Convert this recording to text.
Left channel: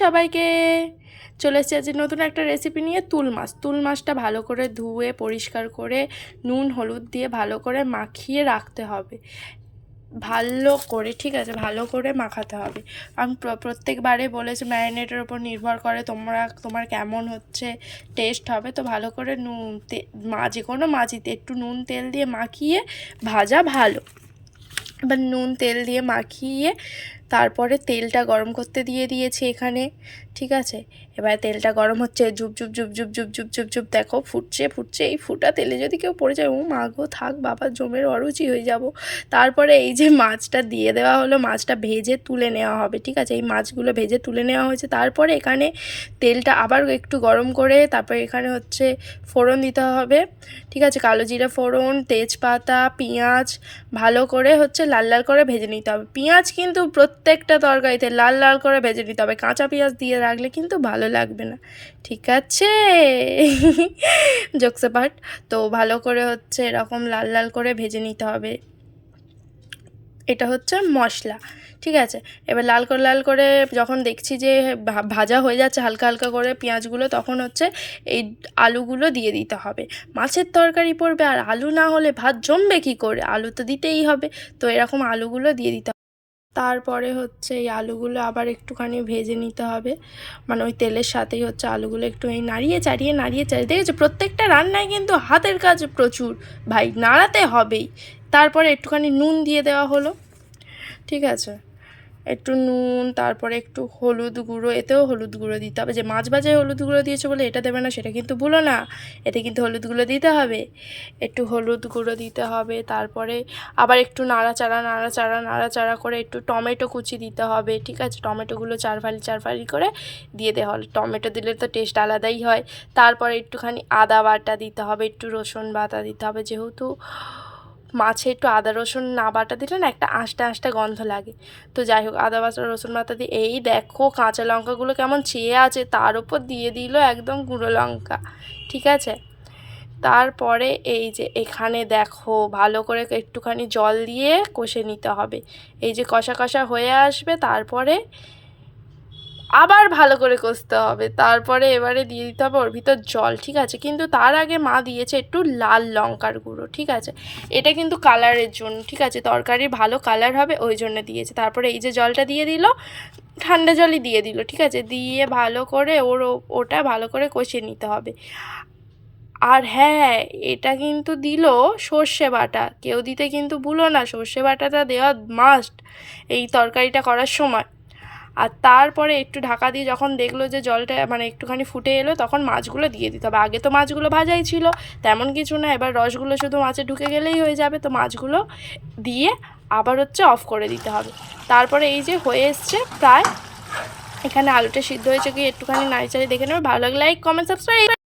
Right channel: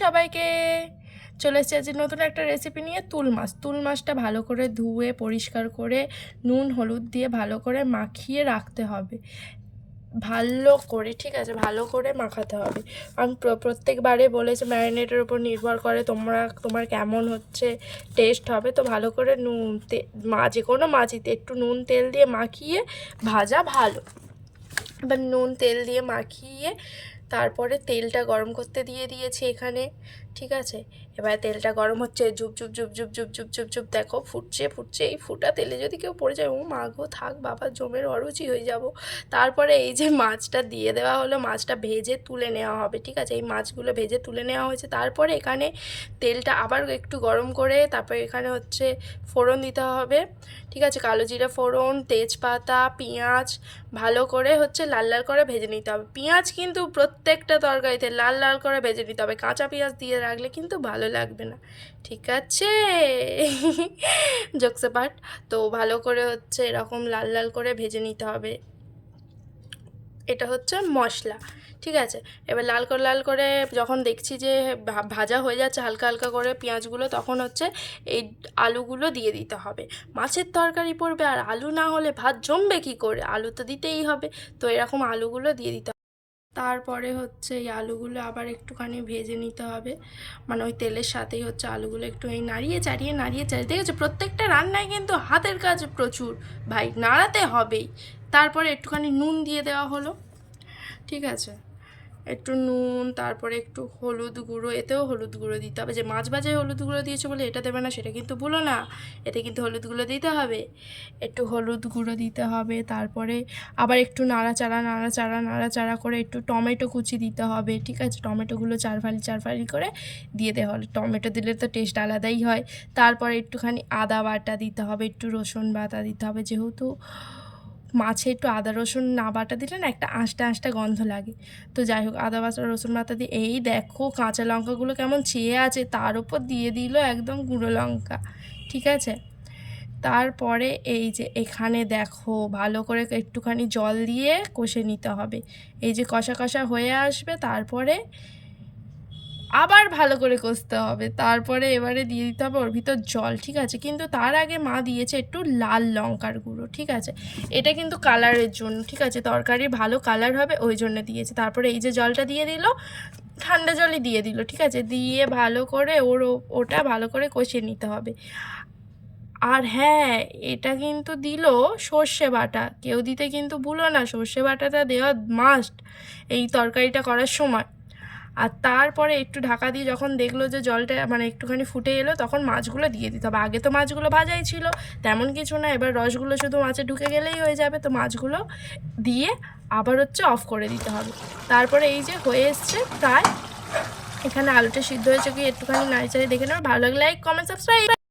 সবাইকে, চলে এসেছি আজ নতুন একটা রেসিপি নিয়ে। তুল মাছটা ভালো করে ধুয়ে পরিষ্কার করে নুন হলুদ দিয়ে ভালো করে মাখিয়ে রাখতে হবে, ভালো করে, ঠিক আছে, ভালো করে মাখাতে হবে। আমি প্রত্যেকবারে বলেছি ম্যারিনেটের ওপর নির্ভর করে তোমার কেমন হচ্ছে টেস্ট হবে। তো ভালো করে যে কোনো মাছিতে একটু নুন তেল দিয়ে মাখিয়ে ভাজা ভালো। এবার নুন তেল দিয়ে মাখিয়ে তারপরে তেলটা গরম করতে দিয়ে দিয়েছি এখানে, ঠিক আছে। এবার তেলটা গরম হচ্ছে, জুপ জুপ জুপ জুপ জুপ জুপ জুপ জুপ দেখো ফুটছে ফুটছে। এই ফুটা তেলে যদি কেউ পড়ে যায়, ও মা গো, থাক বাবা, জমের অরুচি হয়ে যাব। তারপরে এই যে মাছটা দিয়ে দেওয়া হলো, মাছটা ভেজে তুলে নেওয়া হবে, ঠিক আছে। এই মাছগুলো ভেজে তুলে নেওয়া হয়েছে। তারপরে এখানে তেলটা আবার একটু গরম করে তারপরে এখানে হচ্ছে ফোড়ন দিতে হবে, ঠিক আছে। কালো জিরে ফোড়ন, তেজপাতা, পেঁয়াজ ভালো করে হচ্ছে লাল লাল করে ভেজে নিতে হবে। পেঁয়াজ কিন্তু প্রত্যেকটা তরকারিতে লাল লাল করে ভেজে নিতে হবে, কাঁচা পেঁয়াজ দিয়ে রাখলে কিন্তু ভালো লাগবে না, ঠিক আছে। Jokes part. তো ভালো করে হচ্ছে এরকম লাল লাল করে ভেজে নিতে হবে। এটা হচ্ছে মশলা, ঠিক আছে। এবার লাল করে যখন দেখছি যে ভাজা হয়ে যাচ্ছে হালকা হালকা করে পেঁয়াজগুলো, তখন হচ্ছে এই আলুগুলো দিয়ে দিতে হবে। মাছের তরকারি পড়বে আর আলু না হলে ভাত জমবে কী করে, আলু তো দিতেই হবে। তো এরকম আলুগুলো দিয়ে দিতে হবে। তারপরে হচ্ছে এই আলুগুলো আবার একটুখানি ভেজে নিতে হবে, মানে ওই তেলের সাথেই হচ্ছে আলুগুলো একটু নাড়িয়ে চাড়িয়ে দেখেছো, প্রত্যেকটা রান্নায় কিন্তু হাতের কাজ প্রচুর ভাই, নাড়াতে হবেই। তারপরে একটুখানি নুন দিয়ে দেওয়া হলো, ঠিক আছে। একটু নুন, তারপরে একটু হলুদ গুঁড়ো, এতেও হলুদ গুঁড়ো দিতে হবে। যে মাছ ভাজায় হলুদ গুঁড়ো দিয়েছে বলে এটা দেবে না সেটা কিন্তু ভুলো না, এতে কিন্তু হলুদ গুঁড়ো দিতে হবে। একটু হলুদ গুঁড়ো দিতে হবে। তারপরে আবার একটু নাড়াচাড়া করে একটু টমেটো কুচি দিতে হবে, ঠিক আছে। টমেটোগুলো চার ফালি করে দিয়ে দেওয়া হলো। টমেটো দিলে তো টেস্ট আলাদাই হয়। তারপরে একটুখানি আদা বাটা দিতে হবে, একটু রসুন বাটা দিতে হবে, যেহেতু মাছে একটু আদা রসুন না বাটা দিলে না একটা আঁশটা গন্ধ লাগে। তো যাই হোক, আদা বাটা রসুন বাটা দিয়ে, এই দেখো কাঁচা লঙ্কাগুলো কেমন চেয়ে আছে, তার উপর দিয়ে দিল একদম গুঁড়ো লঙ্কা, ঠিক আছে। তারপরে এই যে এখানে দেখো ভালো করে একটুখানি জল দিয়ে কষে নিতে হবে। এই যে কষা কষা হয়ে আসবে, তারপরে আবার ভালো করে কষতে হবে। তারপরে এবারে দিয়ে দিতে হবে ওর ভিতর জল, ঠিক আছে। কিন্তু তার আগে মা দিয়েছে একটু লাল লঙ্কার গুঁড়ো, ঠিক আছে। এটা কিন্তু কালারের জন্য, ঠিক আছে, তরকারির ভালো কালার হবে ওই জন্য দিয়েছে। তারপরে এই যে জলটা দিয়ে দিল, ঠান্ডা জলই দিয়ে দিল, ঠিক আছে। দিয়ে ভালো করে ওটা ভালো করে কষিয়ে নিতে হবে। আর হ্যাঁ, এটা কিন্তু দিল সর্ষে বাটা, কেউ দিতে কিন্তু ভুলো না, সর্ষে বাটাটা দেওয়া মাস্ট এই তরকারিটা করার সময়। আর তারপরে একটু ঢাকা দিয়ে যখন দেখলো যে জলটা মানে একটুখানি ফুটে এলো, তখন মাছগুলো দিয়ে দিতে হবে। আগে তো মাছগুলো ভাজাই ছিল, তেমন কিছু না, এবার রসগুলো শুধু মাছে ঢুকে গেলেই হয়ে যাবে। তো মাছগুলো দিয়ে আবার হচ্ছে অফ করে দিতে হবে। তারপরে এই যে হয়ে এসছে প্রায়, এখানে আলুটা সিদ্ধ হয়েছে কি একটুখানি নাড়িচাড়ি দেখে নেবে। ভালো লাগলে লাইক কমেন্ট সাবস্ক্রাইব।